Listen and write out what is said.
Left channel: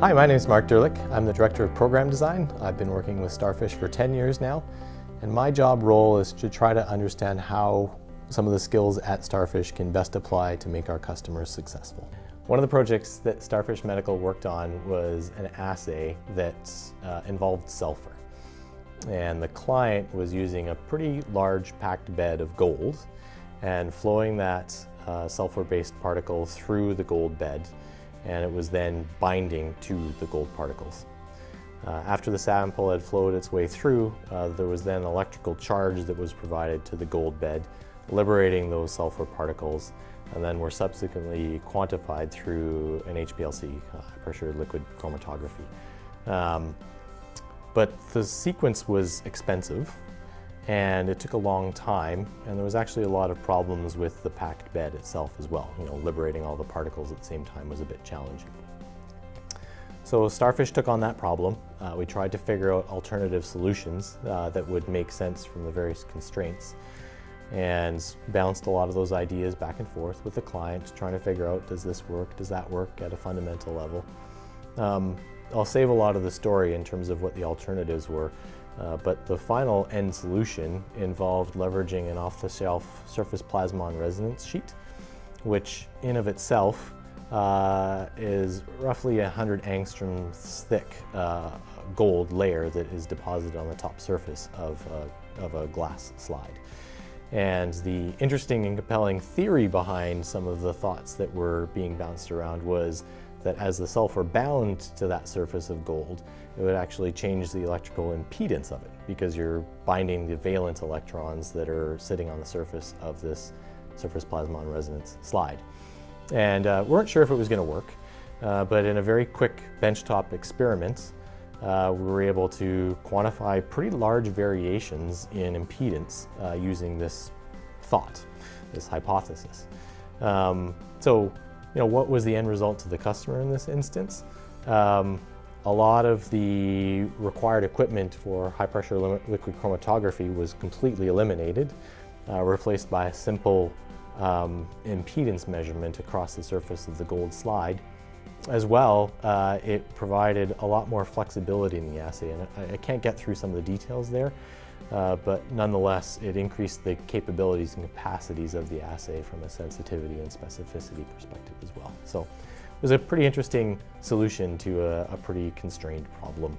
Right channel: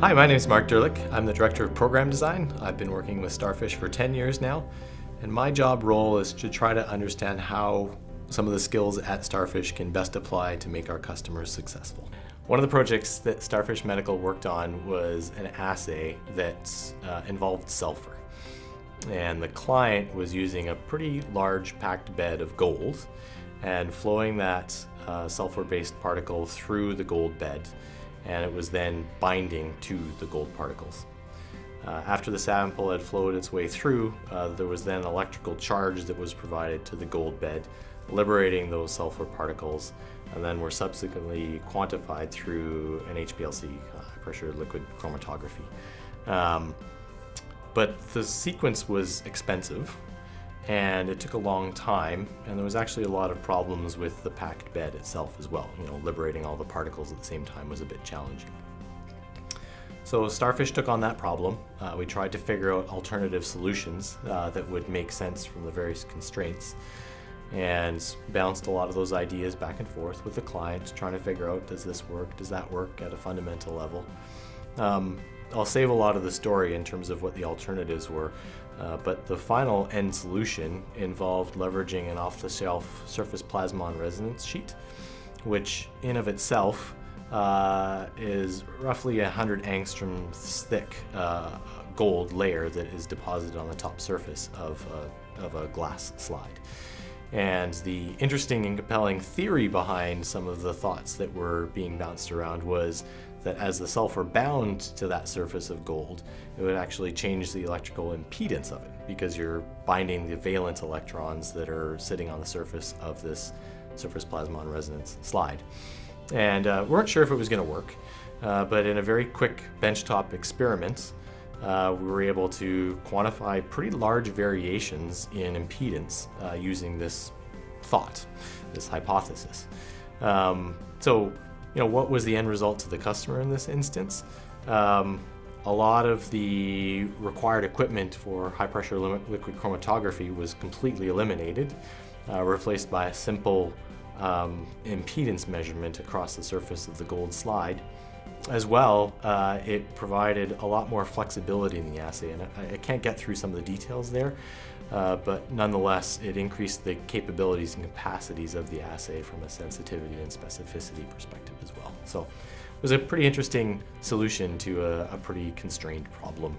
Hi, my name is Mark Drlik. I'm the Director of Program Design. I've been working with StarFish for 10 years now, and my job role is to try to understand how some of the skills at StarFish can best apply to make our customers successful. One of the projects that StarFish Medical worked on was an assay that involved sulfur. And the client was using a pretty large packed bed of gold and flowing that sulfur-based particle through the gold bed, and it was then binding to the gold particles. After the sample had flowed its way through, there was then an electrical charge that was provided to the gold bed, liberating those sulfur particles, and then were subsequently quantified through an HPLC, high pressure liquid chromatography. But the sequence was expensive, and it took a long time, and there was actually a lot of problems with the packed bed itself as well. Liberating all the particles at the same time was a bit challenging. So StarFish took on that problem. We tried to figure out alternative solutions that would make sense from the various constraints, and bounced a lot of those ideas back and forth with the client, trying to figure out, does this work, does that work at a fundamental level. I'll save a lot of the story in terms of what the alternatives were, but the final end solution involved leveraging an off-the-shelf surface plasmon resonance sheet, which in of itself is roughly 100 angstroms thick gold layer that is deposited on the top surface of a glass slide. And the interesting and compelling theory behind some of the thoughts that were being bounced around was that as the sulfur bound to that surface of gold, it would actually change the electrical impedance of it, because you're binding the valence electrons that are sitting on the surface of this surface plasmon resonance slide. And weren't sure if it was going to work, but in a very quick benchtop experiment, we were able to quantify pretty large variations in impedance using this thought, this hypothesis. What was the end result to the customer in this instance? A lot of the required equipment for high pressure liquid chromatography was completely eliminated, replaced by a simple impedance measurement across the surface of the gold slide. As well, it provided a lot more flexibility in the assay, and I can't get through some of the details there, but nonetheless, it increased the capabilities and capacities of the assay from a sensitivity and specificity perspective as well. So it was a pretty interesting solution to a pretty constrained problem.